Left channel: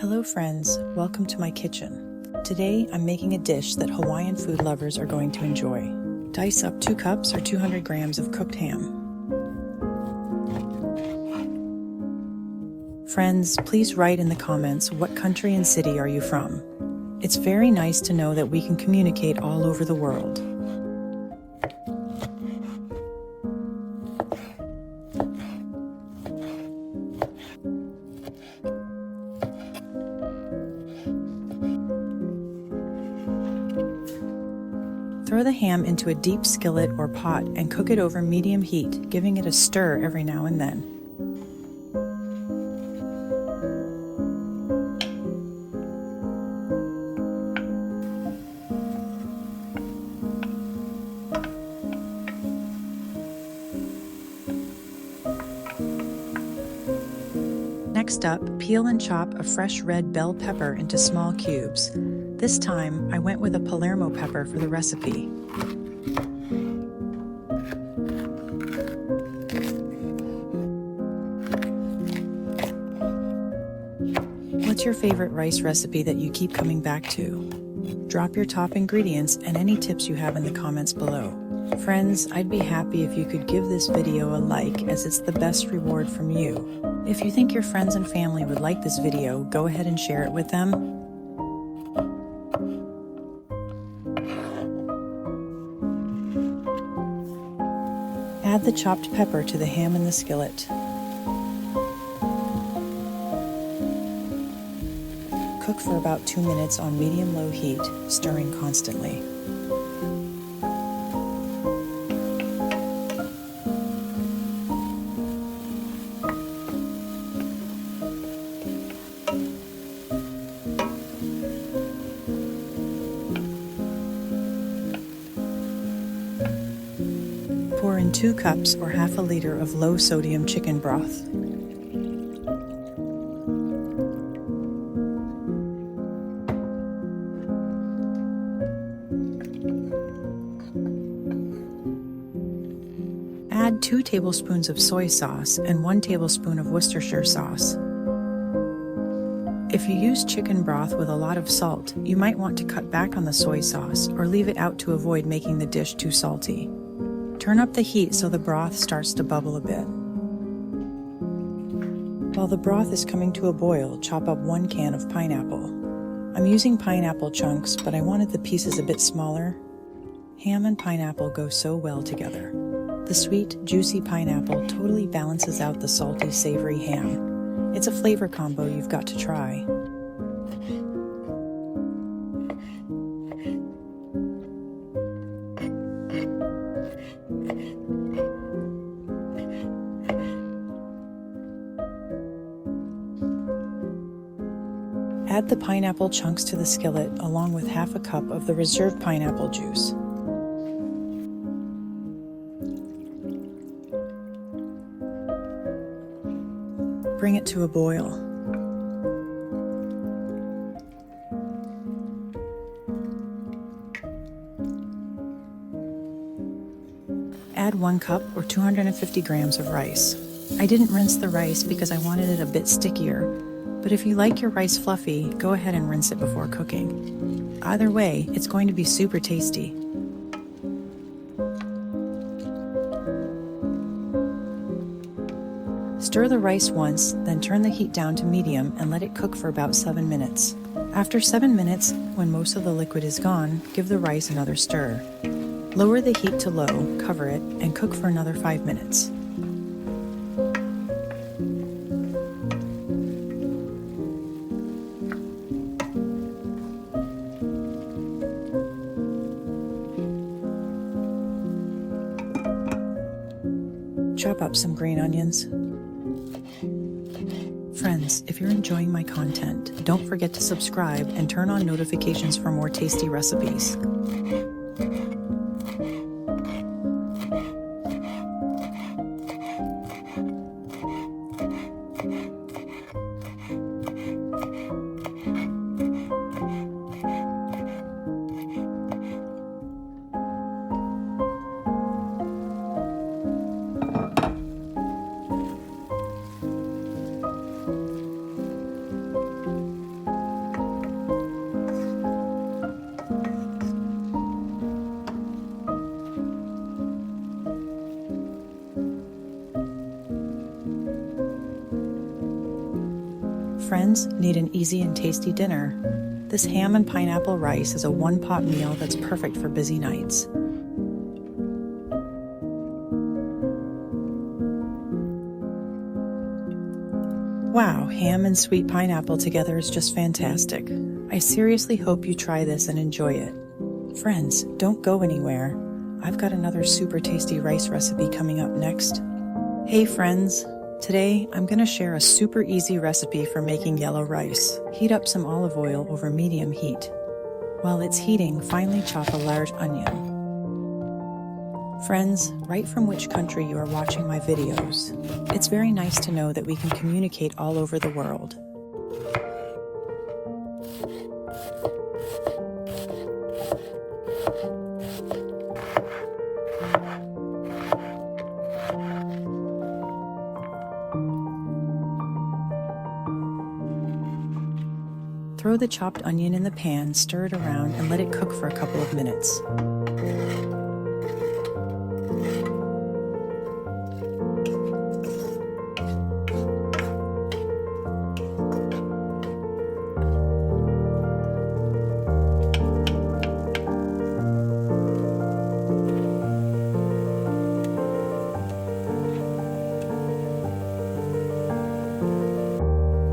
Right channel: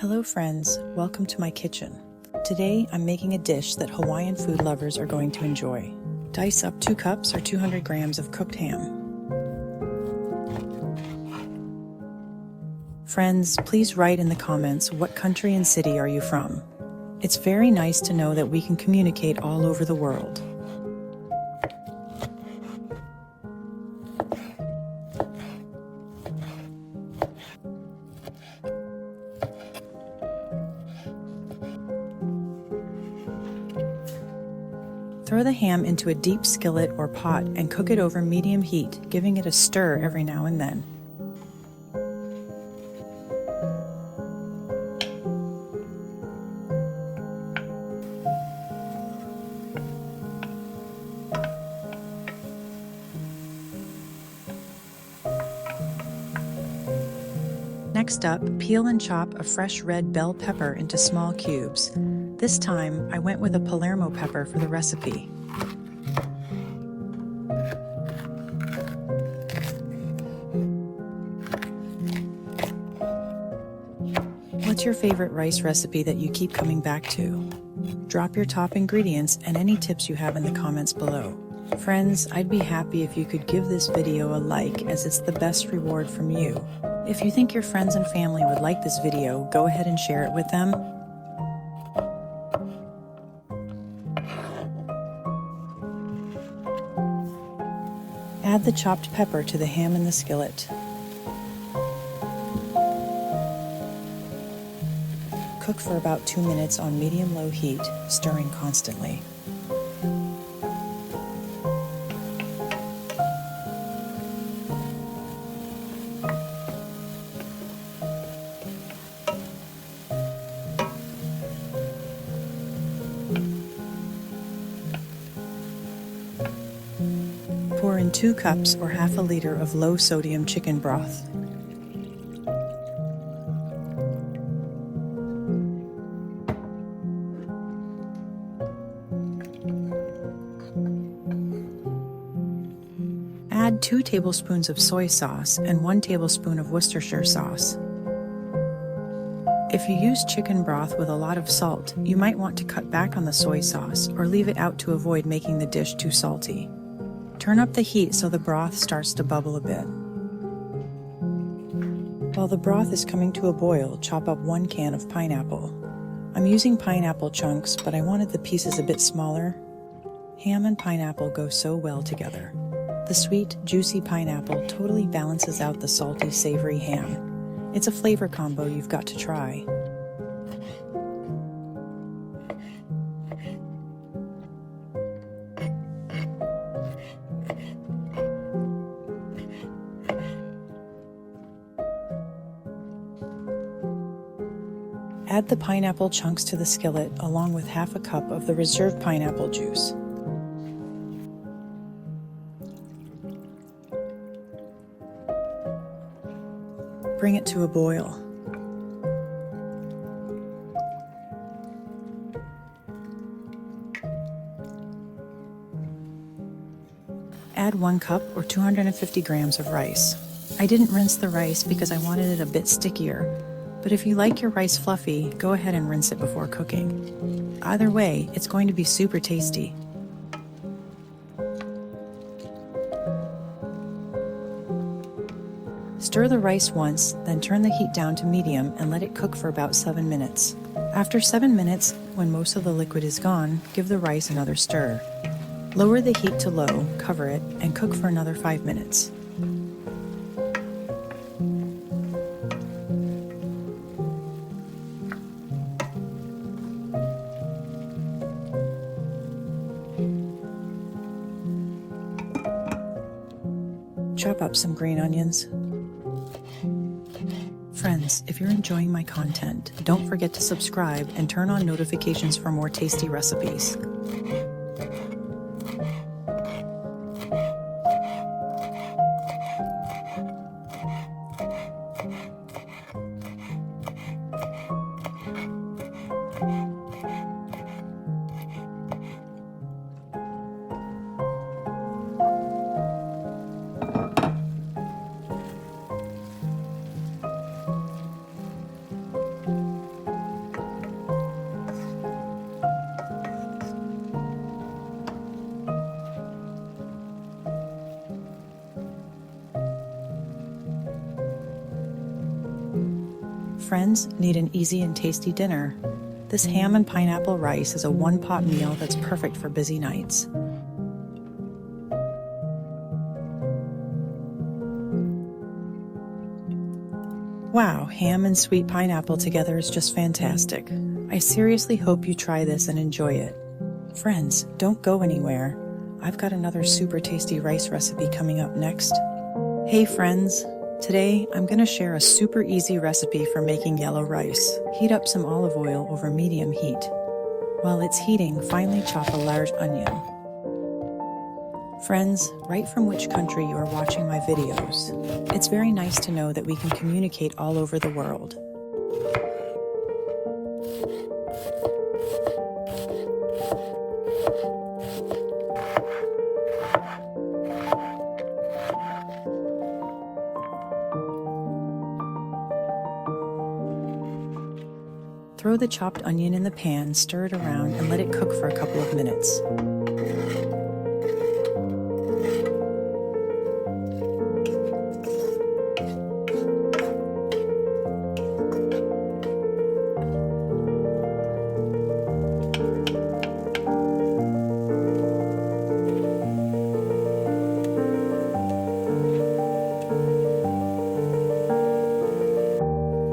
Hello friends, welcome to my kitchen. Today I'm making a dish that Hawaiian food lovers are going to enjoy. Dice up 2 cups or 200 grams of cooked ham. Friends, please write in the comments what country and city are you from. It's very nice to know that we can communicate all over the world. Throw the ham into a deep skillet or pot and cook it over medium heat, giving it a stir every now and then. Next up, peel and chop a fresh red bell pepper into small cubes. This time, I went with a Palermo pepper for the recipe. What's your favorite rice recipe that you keep coming back to? Drop your top ingredients and any tips you have in the comments below. Friends, I'd be happy if you could give this video a like, as it's the best reward from you. If you think your friends and family would like this video, go ahead and share it with them. Add the chopped pepper to the ham in the skillet. Cook for about 2 minutes on medium-low heat, stirring constantly. Pour in 2 cups or half a liter of low-sodium chicken broth. Add 2 tablespoons of soy sauce and 1 tablespoon of Worcestershire sauce. If you use chicken broth with a lot of salt, you might want to cut back on the soy sauce or leave it out to avoid making the dish too salty. Turn up the heat so the broth starts to bubble a bit. While the broth is coming to a boil, chop up 1 can of pineapple. I'm using pineapple chunks, but I wanted the pieces a bit smaller. Ham and pineapple go so well together. The sweet, juicy pineapple totally balances out the salty, savory ham. It's a flavor combo you've got to try. Add the pineapple chunks to the skillet along with half a cup of the reserved pineapple juice. Bring it to a boil. Add 1 cup or 250 grams of rice. I didn't rinse the rice because I wanted it a bit stickier, but if you like your rice fluffy, go ahead and rinse it before cooking. Either way, it's going to be super tasty. Stir the rice once, then turn the heat down to medium and let it cook for about 7 minutes. After 7 minutes, when most of the liquid is gone, give the rice another stir. Lower the heat to low, cover it, and cook for another 5 minutes. Chop up some green onions. Friends, if you're enjoying my content, don't forget to subscribe and turn on notifications for more tasty recipes. friends, need an easy and tasty dinner? This ham and pineapple rice is a one-pot meal that's perfect for busy nights. Wow, ham and sweet pineapple together is just fantastic. I seriously hope you try this and enjoy it. Friends, don't go anywhere. I've got another super tasty rice recipe coming up next. Hey friends, today I'm going to share a super easy recipe for making yellow rice. Heat up some olive oil over medium heat. While it's heating, finely chop a large onion. Friends, write from which country you are watching my videos. It's very nice to know that we can communicate all over the world. Throw the chopped onion in the pan, stir it around, and let it cook for a couple of minutes.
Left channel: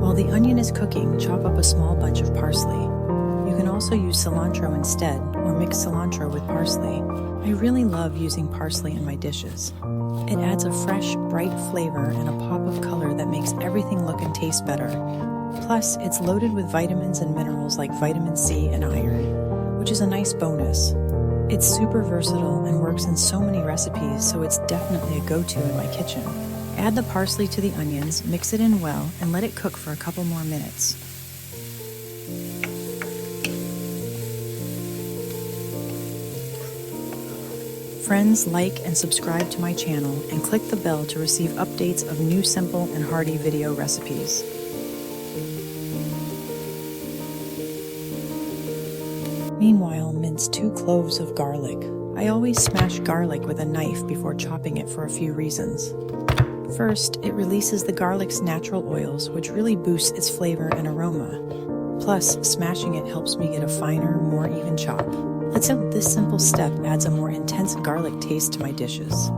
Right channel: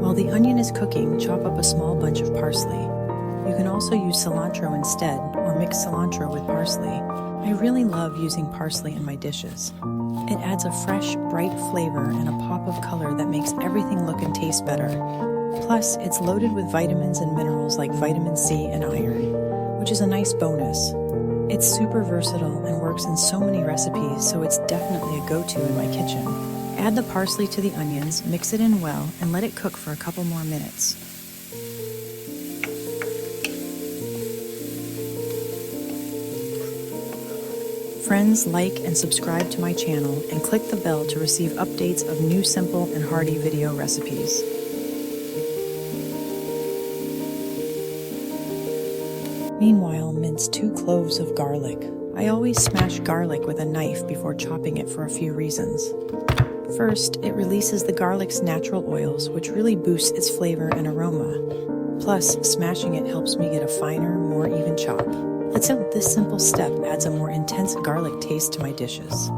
While the onion is cooking, chop up a small bunch of parsley. You can also use cilantro instead, or mix cilantro with parsley. I really love using parsley in my dishes. It adds a fresh, bright flavor and a pop of color that makes everything look and taste better. Plus, it's loaded with vitamins and minerals like vitamin C and iron, which is a nice bonus. It's super versatile and works in so many recipes, so it's definitely a go-to in my kitchen. Add the parsley to the onions, mix it in well, and let it cook for a couple more minutes. Friends, like and subscribe to my channel and click the bell to receive updates of new simple and hearty video recipes. Meanwhile, mince 2 cloves of garlic. I always smash garlic with a knife before chopping it for a few reasons. First, it releases the garlic's natural oils, which really boosts its flavor and aroma. Plus, smashing it helps me get a finer, more even chop. Let's hope this simple step adds a more intense garlic taste to my dishes.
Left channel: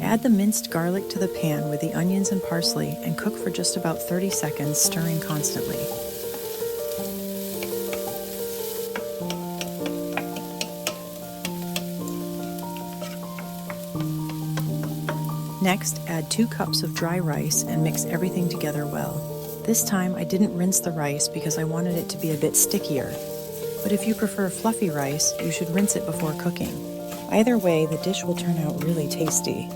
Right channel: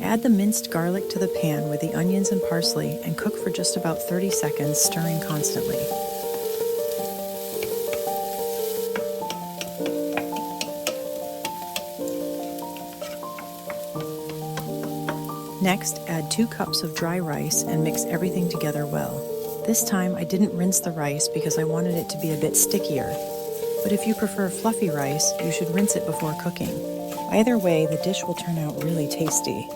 Add the minced garlic to the pan with the onions and parsley and cook for just about 30 seconds, stirring constantly. Next, add 2 cups of dry rice and mix everything together well. This time I didn't rinse the rice because I wanted it to be a bit stickier. But if you prefer fluffy rice, you should rinse it before cooking. Either way, the dish will turn out really tasty.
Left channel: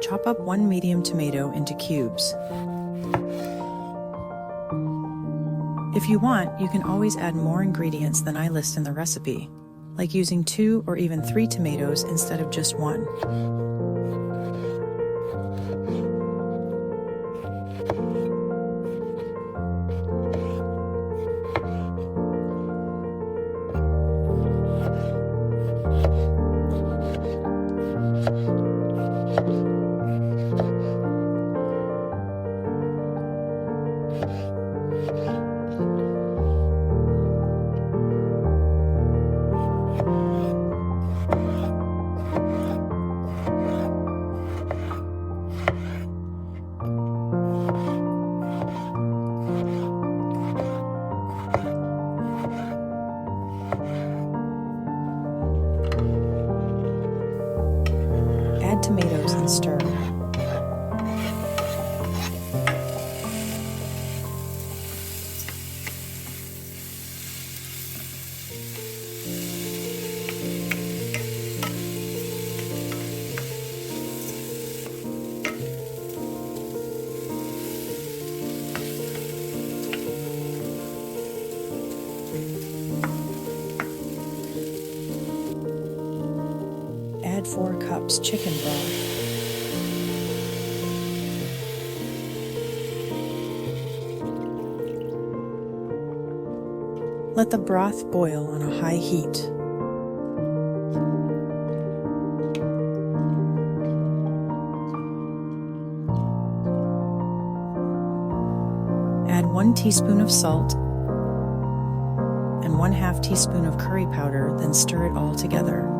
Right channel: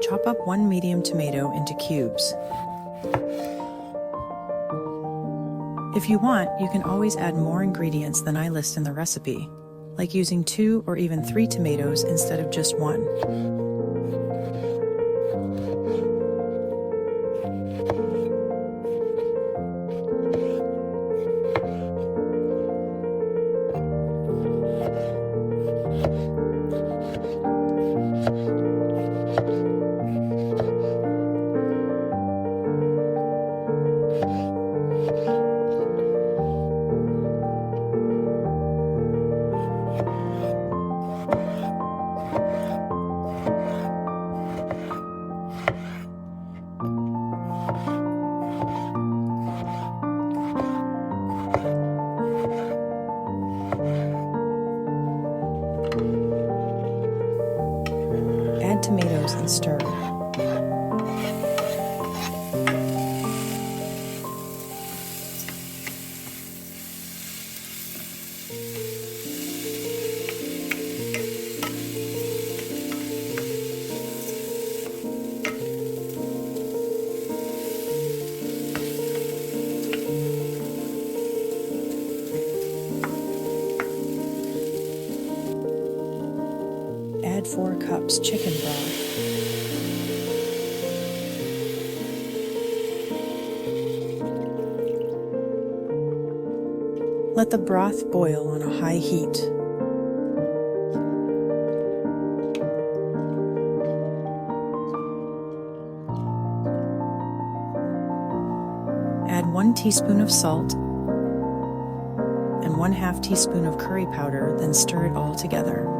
Chop up 1 medium tomato into cubes. If you want, you can always add more ingredients than I list in the recipe, like using 2 or even 3 tomatoes instead of just 1. Add 4 cups chicken broth. Let the broth boil on a high heat. Add 1 teaspoon of salt and 1/2 teaspoon of curry powder, then stir it all together.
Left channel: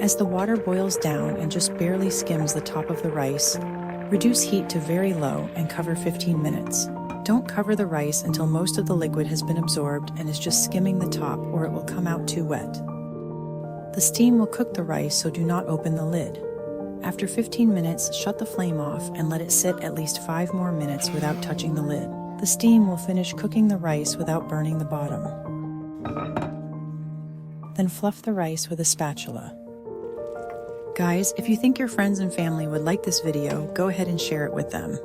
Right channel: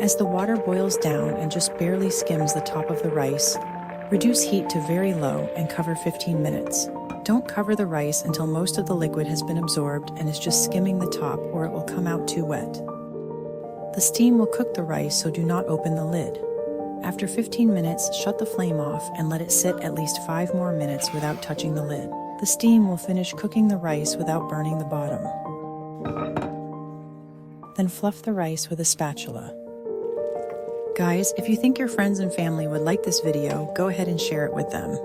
As the water boils down and just barely skims the top of the rice, reduce heat to very low and cover 15 minutes. Don't cover the rice until most of the liquid has been absorbed and is just skimming the top, or it will come out too wet. The steam will cook the rice, so do not open the lid. After 15 minutes, shut the flame off and let it sit at least 5 more minutes without touching the lid. The steam will finish cooking the rice without burning the bottom. Then fluff the rice with a spatula. Guys, if you think your friends and family would like this video, go ahead and share it with them.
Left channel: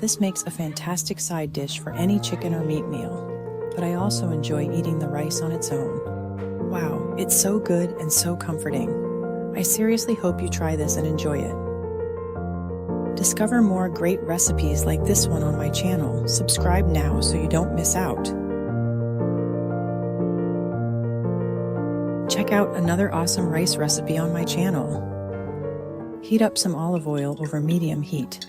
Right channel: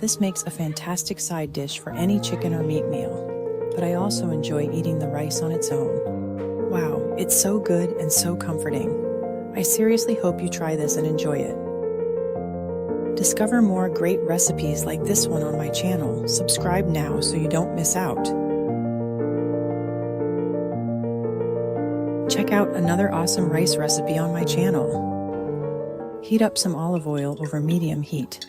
This makes a fantastic side dish for any chicken or meat meal, but I also enjoy eating the rice on its own. Wow, it's so good and so comforting. I seriously hope you try this and enjoy it. Discover more great recipes like this one on my channel. Subscribe now so you don't miss out. Check out another awesome rice recipe on my channel. Heat up some olive oil over medium heat.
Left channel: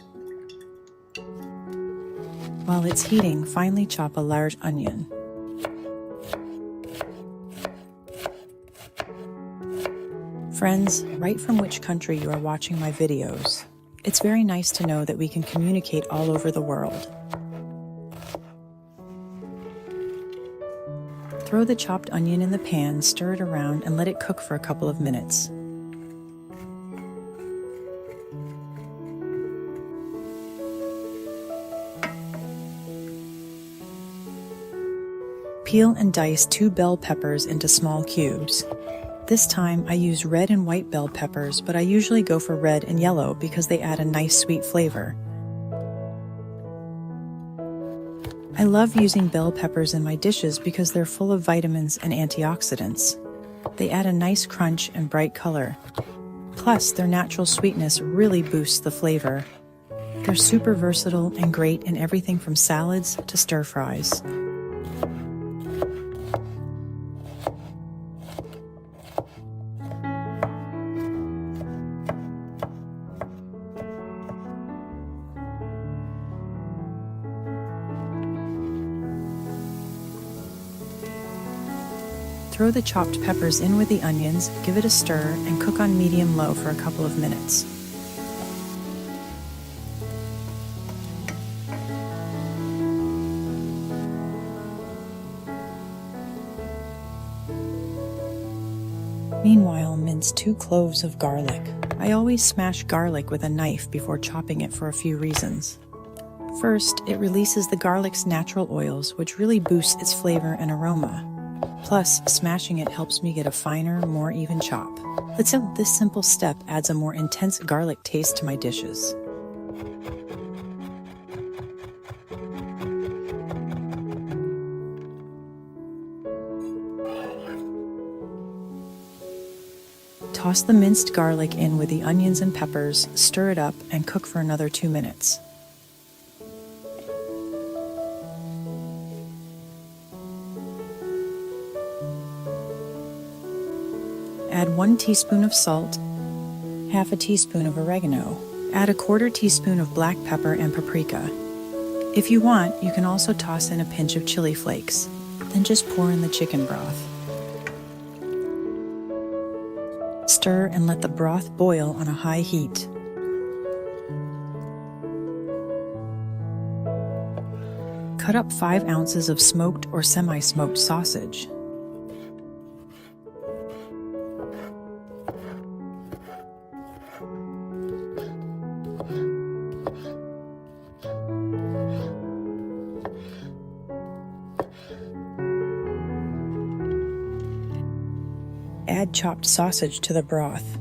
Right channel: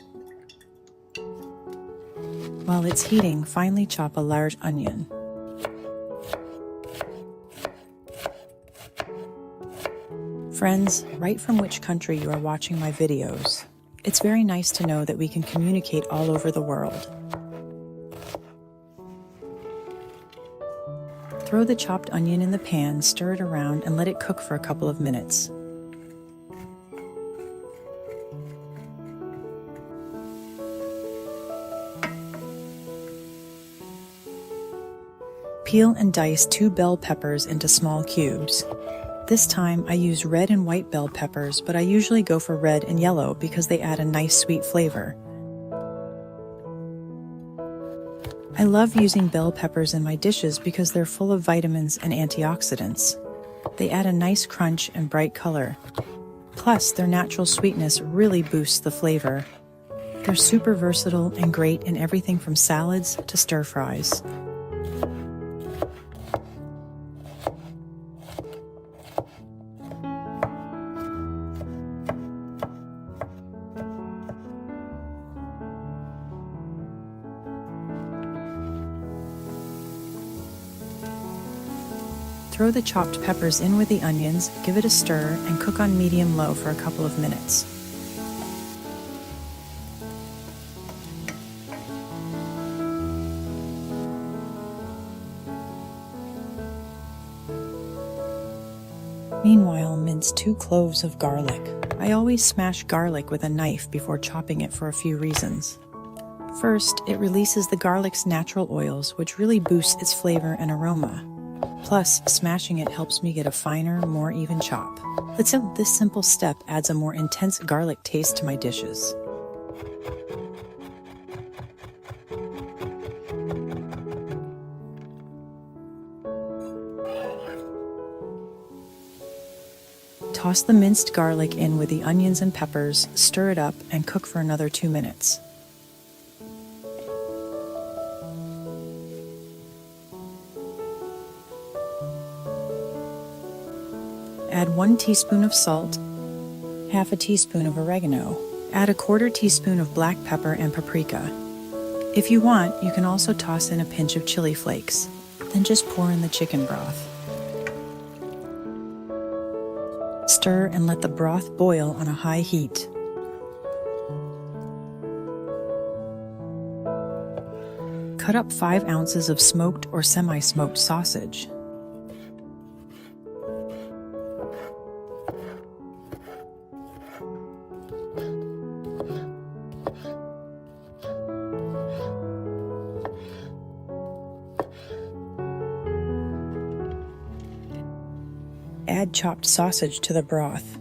While it's heating, finely chop a large onion. Friends, write from which country you are watching my videos. It's very nice to know that we can communicate all over the world. Throw the chopped onion in the pan, stir it around, and let it cook for a couple of minutes. Peel and dice 2 bell peppers into small cubes. This time I use red and white bell peppers, but I usually go for red and yellow because they add a nice sweet flavor. I love using bell peppers in my dishes because they're full of vitamins and antioxidants. They add a nice crunch and bright color. Plus, their natural sweetness really boosts the flavor. They're super versatile and great in everything from salads to stir fries. Throw the chopped peppers in with the onions, give it a stir, and cook on medium-low for a couple of minutes. Meanwhile, mince 2 cloves of garlic. I always smash garlic with a knife before chopping it for a few reasons. First, it releases the garlic's natural oils, which really boosts its flavor and aroma. Plus, smashing it helps me get a finer, more even chop. This simple step adds a more intense garlic taste to my dishes. Toss the minced garlic in with the onions and peppers, stir it up, and cook for another 2 minutes. Add 1 teaspoon of salt, 1/2 teaspoon of oregano. Add 1/4 teaspoon of black pepper and paprika. If you want, you can also toss in a pinch of chili flakes. Then just pour in the chicken broth. Stir and let the broth boil on a high heat. Cut up 5 ounces of smoked or semi-smoked sausage. Add chopped sausage to the broth.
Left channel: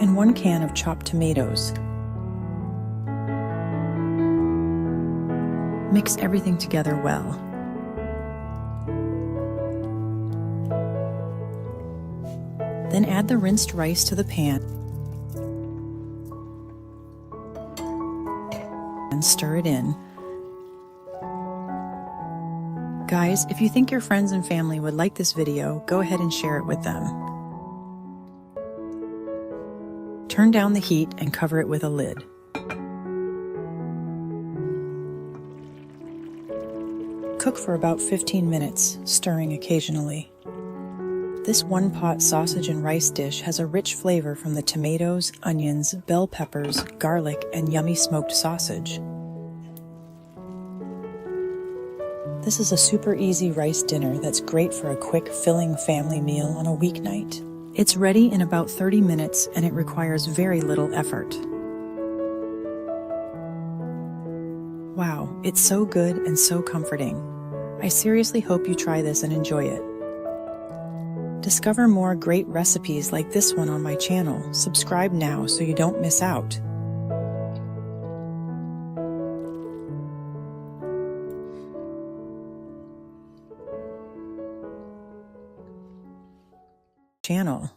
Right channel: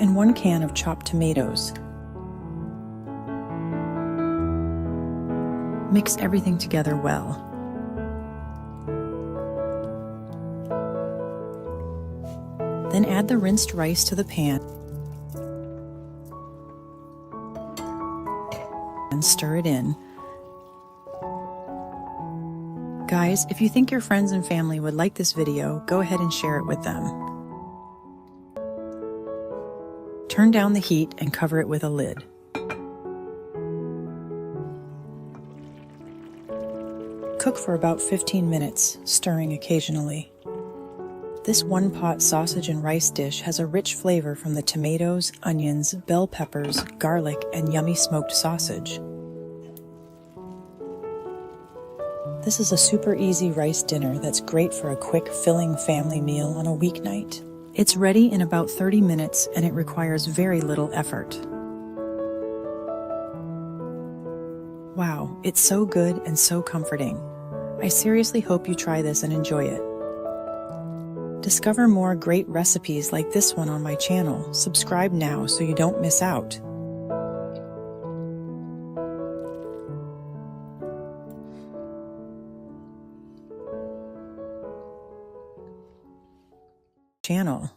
And 1 can of chopped tomatoes. Mix everything together well. Then add the rinsed rice to the pan and stir it in. Guys, if you think your friends and family would like this video, go ahead and share it with them. Turn down the heat and cover it with a lid. Cook for about 15 minutes, stirring occasionally. This one-pot sausage and rice dish has a rich flavor from the tomatoes, onions, bell peppers, garlic, and yummy smoked sausage. This is a super easy rice dinner that's great for a quick, filling family meal on a weeknight. It's ready in about 30 minutes and it requires very little effort. Wow, it's so good and so comforting. I seriously hope you try this and enjoy it. Discover more great recipes like this one on my channel. Subscribe now so you don't miss out. Channel.